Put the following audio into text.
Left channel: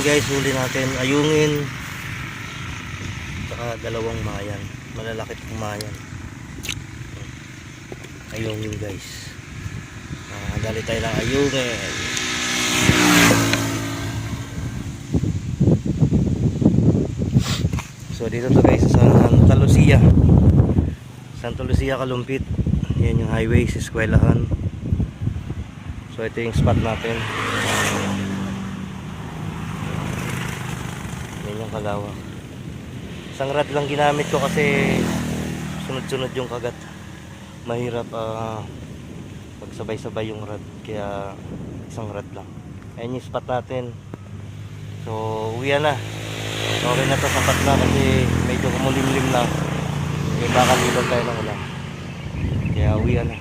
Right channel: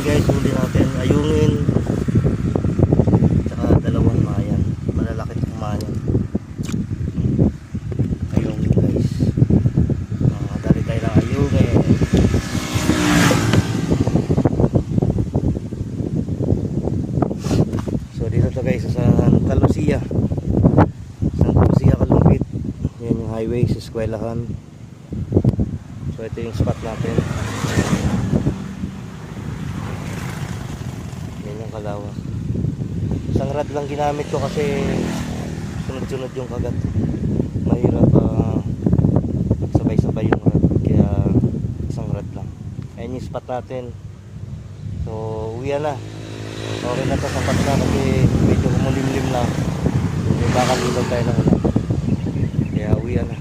Ayan guys, huli natin ayungin tsaka dalawang mayan, malalaki itong mayan. Ayungin guys, dali tayo ng ayungin. So dito to guys sa Santa Lucia, Kalumpit. Yan yung highway sa eskwelahan. So ito yung spot natin. Yan yung kalawak. Isang rod lang ginamit ko kasi sunod-sunod yung kagat. Mahirap magsabay-sabay yung rod, kaya isang rod lang. Ayan yung spot natin. So uwi na. Okay na to, sapat na kasi medyo kumulimlim na. Baka dito tayo ng ulan. Kaya uwi na.